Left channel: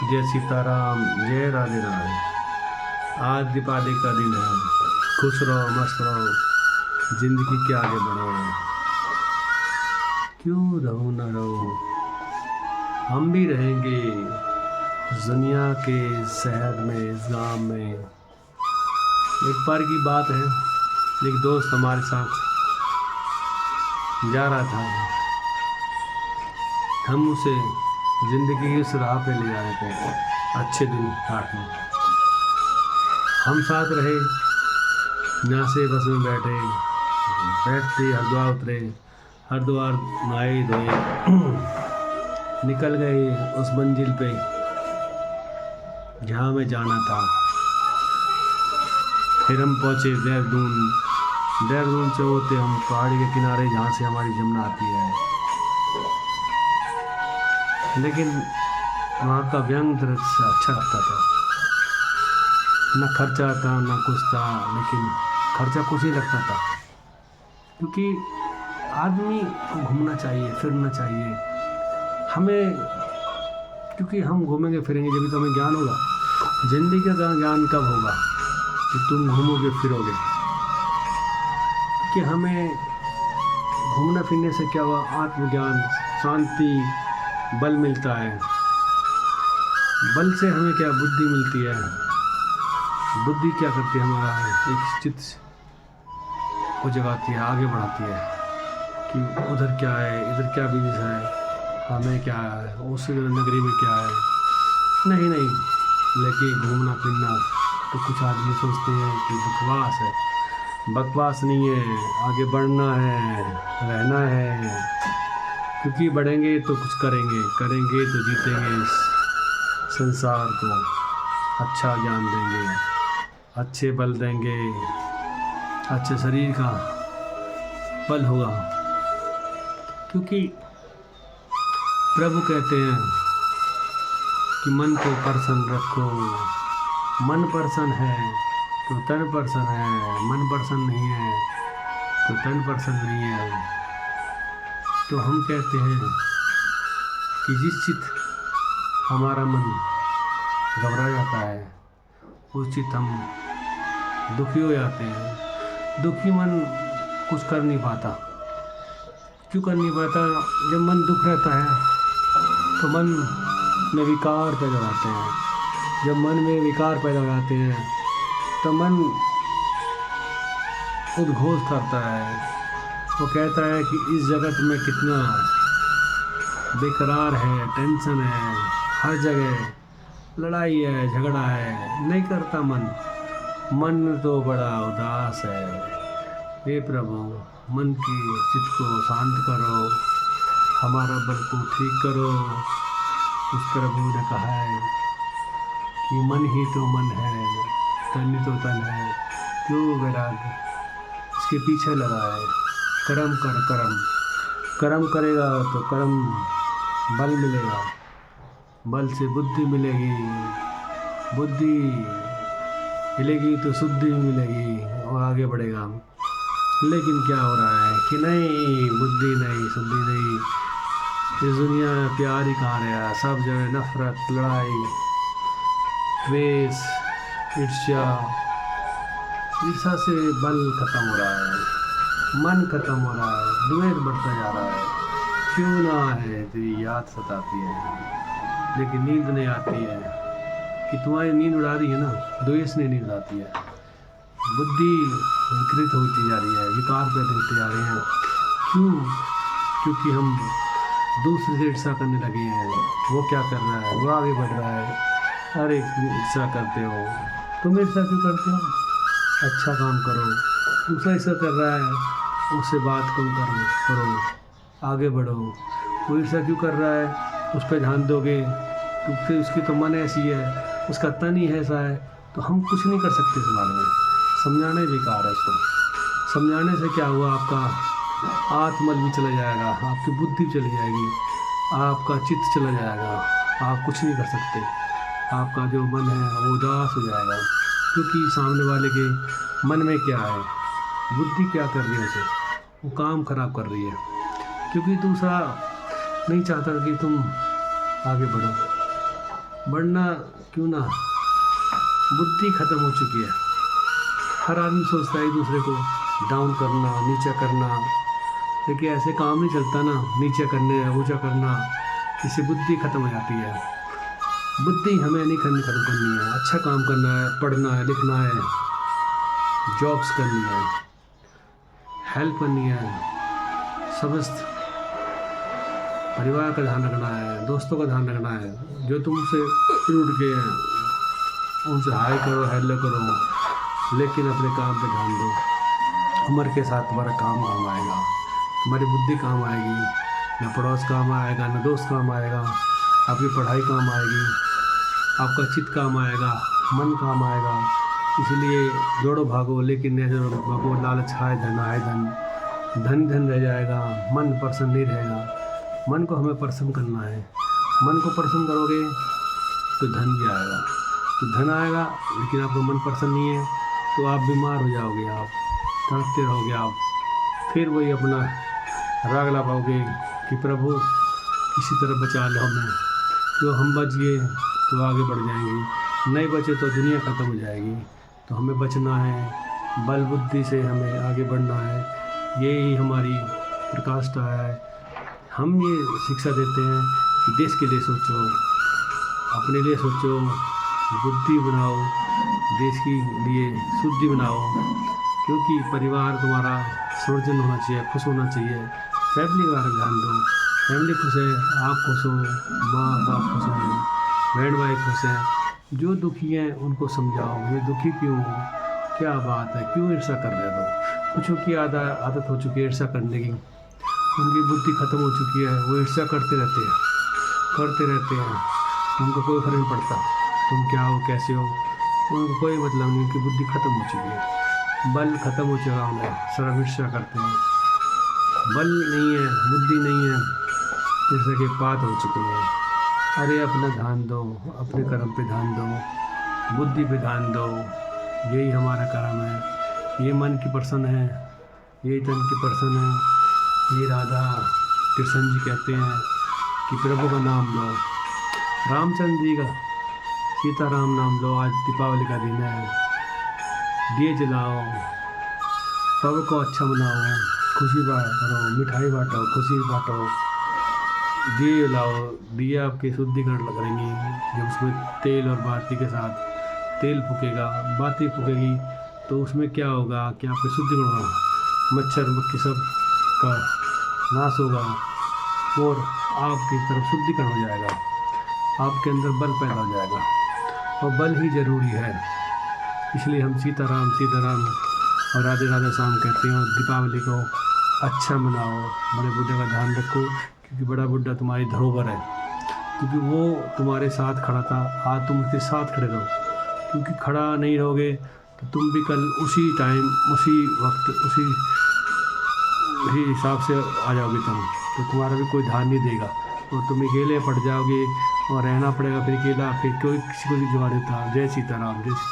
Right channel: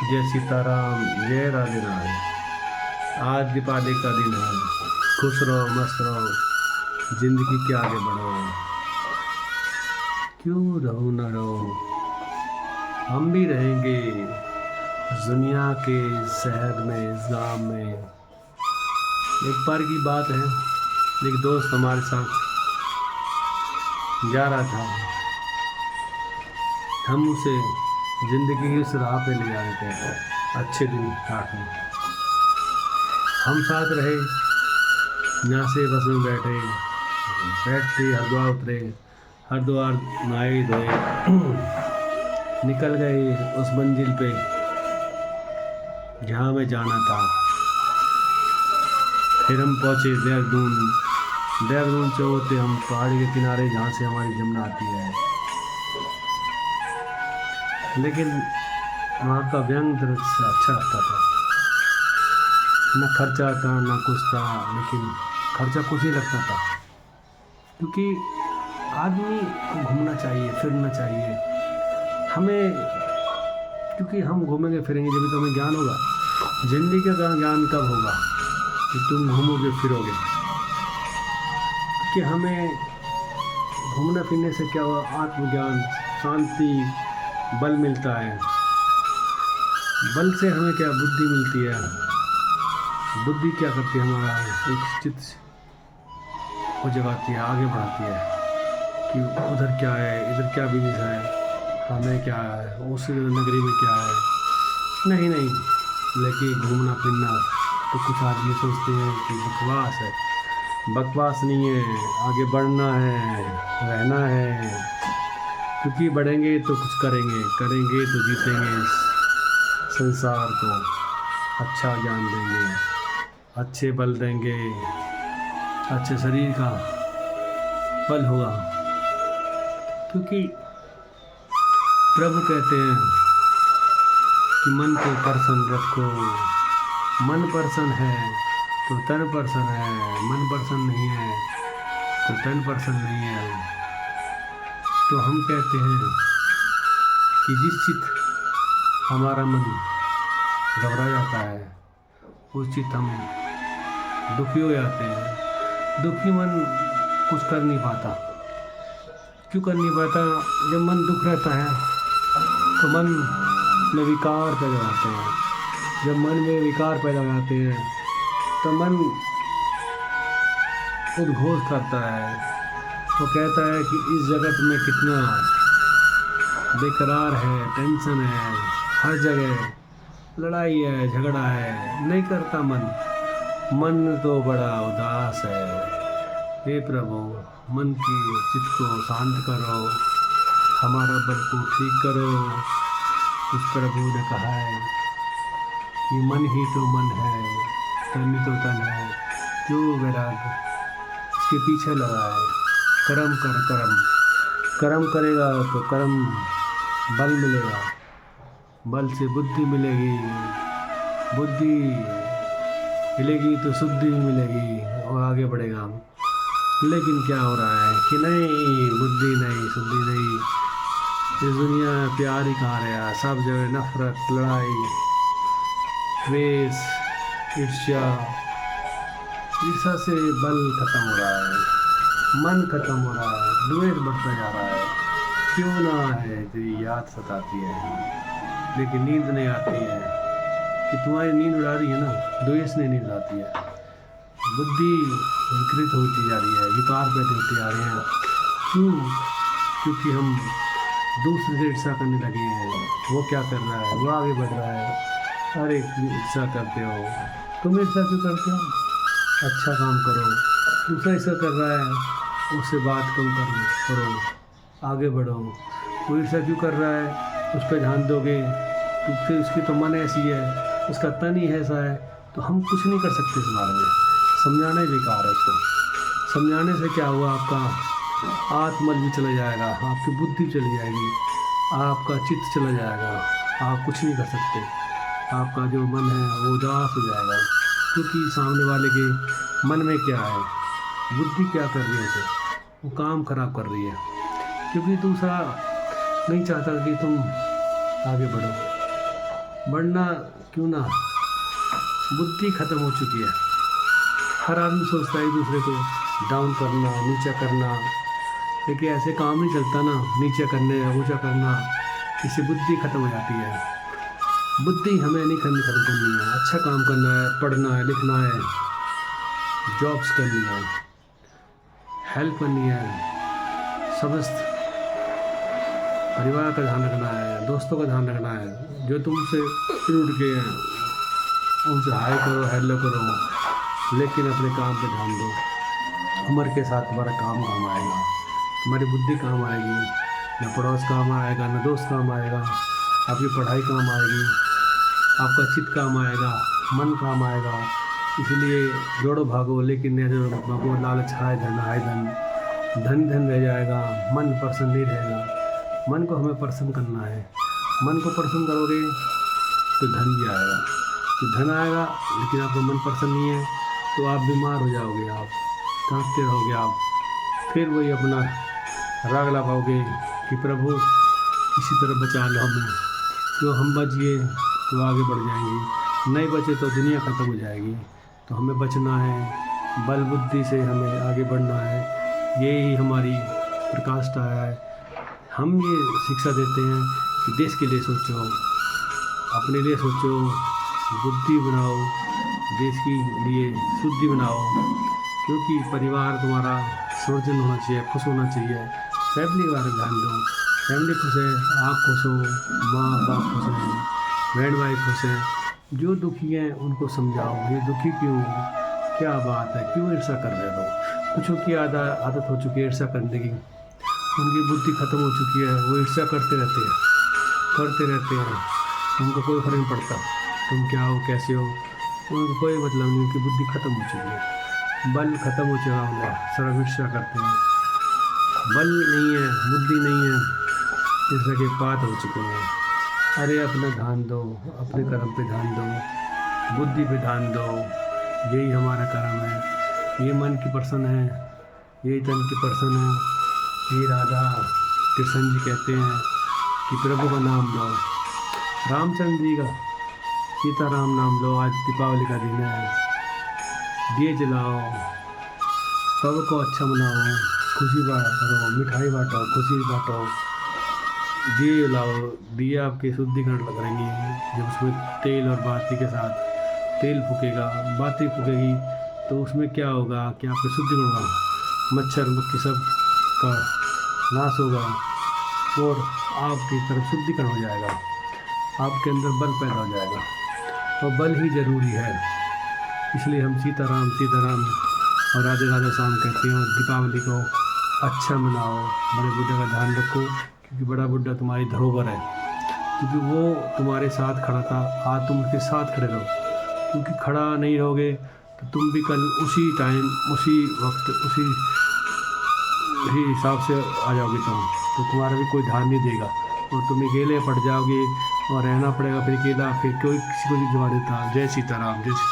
जय सीताराम, जय राधे राधे। आज दीपावली का दिन है। खुश रहो, मस्त रहो, जिंदगी के आगे बढ़ो। क्यों रहो न रहो, हम भी रहेंगे इस दुनिया के शहर में, इस गांव में। एक बार की बात है, एक दोस्त हमारे साथ जा रहा था। हम उसे ज़िंदगी की उस राह पे ले जा रहे थे, अच्छे दिन काटने। हम साथ रहे, यहाँ से बस में बैठते हरिद्वार उतरे, हरिद्वार नहाए धोए निकल गए उस मंजिल पे जहाँ हमें जाना था। फिर हम पहुँचे देहरादून से होते हम पहाड़ी के किनारे जहाँ से हमारी यमुना आती है। लेकिन वहाँ का व्यंग दृश्य अच्छा लगता था। न खर्चा था न कुछ था, लेकिन खर्चा कुछ ही लगता था, क्योंकि आदमी को घूमना चाहिए, फिरना चाहिए हमें। क्योंकि हम घूमेंगे फिरेंगे जब भी तो हमें ज्ञान होगा। जिंदगी का ज्ञान कब होगा कि तुम घूमोगे फिरोगे। कि हमें घूमने फिरने से क्या हुआ, आत्मज्ञान, शांति, बल मिलता है। बल से हमें क्या बुद्धि मिलती है। बुद्धि क्या करती है, हमारा एक चित्त को जगाती है, आगे बढ़ाती है कि उधर क्या है, इधर क्या बिजनेस है, हमें क्या है, उस नगरी में क्या है। नहीं, लेकिन घूमना फिरना तो कुछ आदमी सोचते हैं कि बकवास है। बकवास नहीं है, आगे बढ़ना है, रहना है। क्योंकि बढ़ेंगे तो कुछ करेंगे तो जीतेंगे इस संसार को। अच्छा ज्ञान देंगे, अच्छे बल देंगे, अच्छे शरीर का बल होगा। क्योंकि प्रभु कहते हैं कि मन को प्रसन्न रखो। मन प्रसन्न है तो तन प्रसन्न है, मन प्रसन्न नहीं है तो तन प्रसन्न नहीं है। तो हम कहते हैं कि जिस चित हमारा मन घबरा जाता है, उस चित हम दुखी हो जाते हैं। दुखी मन कुछ कर नहीं पाता। क्यों कर नहीं पाता? जब मन दुख रहता है तो मन में विकार पैदा हो जाते हैं। जब मन में विकार पैदा हो जाते हैं तो मन उद्घोष करता है। वो कहता है कि इस जगत में कितना बेकरार है, टेंशन है, हर जगह लड़ाई है, झगड़ा है। नहीं करता मन तो बड़ा उदास है। हे प्रभु, मन की चित्त को शांत करो, हमारा बल को ठीक करो। उस प्रभु ने कहा है कि मन ही तो मन है, तन ही तो तन है। क्यों वैराग्य इसके पीछे लगा है। कर्म करेगा तो कर्म बल मिलेगा, बल से बुद्धि मिलेगी, बुद्धि मिलेगी तो शुद्धि मिलेगी और आगे बढ़ेगा। लेकिन क्या हो रहा है कि नहीं, बुद्धि नहीं, शुद्धि नहीं। इस दुनिया में प्यार ही कहाँ रहा, सब जगह नफरत, लड़ाई, द्वेष, ईर्ष्या से बल खत्म हो रहा है, मन खत्म हो रहा है, द्वेष बढ़ता जा रहा है। क्यों ना है, तेरी याद सताती है लेकिन नींद नहीं आती है। कि तुम्हारी नींद उड़ा रही है ना, द्वेष ने नींद आती है। बुद्धि विकृत होती जा रही है, विकार पैदा होते जा रहे हैं। क्यों? क्योंकि हम दूसरे से ईर्ष्या करने लगे हैं। वो क्या कर रहा है, वो आगे बढ़ रहा है। अरे ईर्ष्या करते हो, तुम ईर्ष्या क्यों करते हो? अच्छा काम करो। दूसरा ईर्ष्या कर रहा है, उससे बात कम करो, आगे बढ़ो। वो ईर्ष्या क्यों कर रहा है, उस पर ध्यान दोगे तो फिर उसकी तो मन ऐसी है, उसका तन ही ऐसा है, तो हम कुछ नहीं कर सकते इस बारे में। समझाना ही बेकार है उसको। समझाने से क्या हुआ, आपका आत्मबल भी चला जाएगा, आपकी बुद्धि भी चली जाएगी, आपका चित्त चला जाएगा, आप कुछ नहीं कर सकते। आपका जो मन है वो उदास हो जाएगा। क्योंकि सामने वाले के मन में क्या है, बुद्धि क्या कर रही है उसे, वो काम खराब कर रही है। क्योंकि दूसरा नहीं चाहता कि तुम आगे बढ़ो। बढ़ना क्यों ना, बुद्धि खत्म हो चुकी है। हर आदमी सोचता है एक दूसरे को डाउन करना, नीचा करना, लेकिन ऐसे काम नहीं चलता ना, नीचा करने ऊंचा करना, इससे बुद्धि खत्म हो जाती है। बुद्धि हमें नहीं खत्म करनी है, अच्छा काम करना है, पढ़ना है, लिखना है, जॉब्स करनी है, हेल्प करनी है, समस्त परिवार का ध्यान रखना है, दोस्तों का ध्यान रखना है। जो तुमसे रूठ गए हैं उनसे हाय करो, हेलो करो, लेकिन अपने काम पे ध्यान दो। उम्र के साथ तुम्हारा काम आएगा, तुम्हारी बुद्धि काम आएगी, न पड़ोस काम आएगा, न दोस्त काम आएगा, आपकी पढ़ाई काम आएगी, आपका चित्त काम आएगा, मन काम आएगा। इसलिए दौड़ो भागो, लेकिन न दौड़ो भागो, लालच हाय धन हाय धन, धन धन रह जाएगा, मन प्रसन्न नहीं रहेगा। मन को हमें प्रसन्न करना है। मन को प्रसन्न करोगे तो धन भी आएगा। तो धन आएगा, लेकिन आपका मन प्रसन्न नहीं है तो आप बीमार हो जाओगे, आप तड़पते रहोगे, आप फिर वही अपना राग ला पाओगे कि प्रभु किसी तरह बचा लो हमें, क्यों हम बच गए तो आगे बढ़ जाएंगे, नहीं बचे तो दुनिया ख़त्म हो जाएगी। तो हमें बचना है, बल बुद्धि से हमें आगे बढ़ना है। यही हमारी प्रकाष्ठा है। हम ये शिक्षा देते हैं कि देश के लिए सोचो, अपने लिए सोचो, बुद्धि बनाओ, देश के लिए शुद्धि बनाओ, क्योंकि परिवार तुम्हारा सृजन होना चाहिए, खुश होना चाहिए। फैमिली के बारे में ध्यान दो, फैमिली खुश है, आप खुश हो, माँ बाप खुश हैं, बहन भाई खुश हैं। जो दुखी हैं उनको समझाओ, ये दुखी क्यों, क्या बात है, क्यों ईर्ष्या कर रहे हो। कुछ की आदत हो चुकी है ईर्ष्या करने की, उनकी बुद्धि ख़त्म हो चुकी है, वो ईर्ष्या करते रहते हैं, उनको कोई फर्क नहीं पड़ता तुम क्या हो, कैसे हो, उनको कोई मतलब नहीं, उनकी बुद्धि ख़त्म हो चुकी है, बल ख़त्म हो चुका है, सर्व ईर्ष्या करते हैं। बल नहीं है, बुद्धि नहीं है, ईर्ष्या के पात हो चुके हैं। अरे अपना ध्यान दो, अपने कर्म पे ध्यान दो, बुद्धि पे ध्यान दो, यही हमारा कर्म है। ये मन की पर्सन है, यही तन की पर्सन है। ये राधा कृष्ण जी कहते हैं कि प्रभु का नाम लो, रामचंद्र जी का सीताराम नाम लो। आज दीपावली का दिन है, दिए जलाओ, पर्व को अच्छा मनाओ, खुशी करो, मिठाई बांटो, खुशी बांटो, दिए जलाओ। दिए आपके शुद्धिकरण करेंगे, जब उसमें तेल और बाती के साथ तेल फूकेगा, बाती फूकेगी तो उसमें क्या होगा कि आपके शुद्धिकरण होगा, मच्छर मक्खी सब का नाश होगा और आपकी तरफ शुद्धिकरण हो जाएगा, आपके अंदर बल पैदा हो जाएगा। और बल ही ज़रूरी है, इसलिए हम सीताराम सीताराम और राधे राधे श्याम कहते हैं। और दीपावली को अच्छा मनाओ, बड़े बुढ़े का ध्यान रखो, क्योंकि बड़ा बुढ़ा तुम्हारी धरोहर है, क्योंकि वो तुम्हारे साथ खड़ा था, आज तुम उसके साथ खड़े रहो, क्योंकि खड़ा नहीं रहोगे तो तुम भी कल उसी टाइम, उसी वक्त, उसी हिसाब से आ जाओगे तुम, तो तुम्हारा भी कोई ध्यान नहीं देगा और तुम अकेले पड़ जाओगे और रहना पड़ेगा फिर अकेला, फिर कोई किसी को नहीं जवा देता। जय सीताराम, जय सीताराम।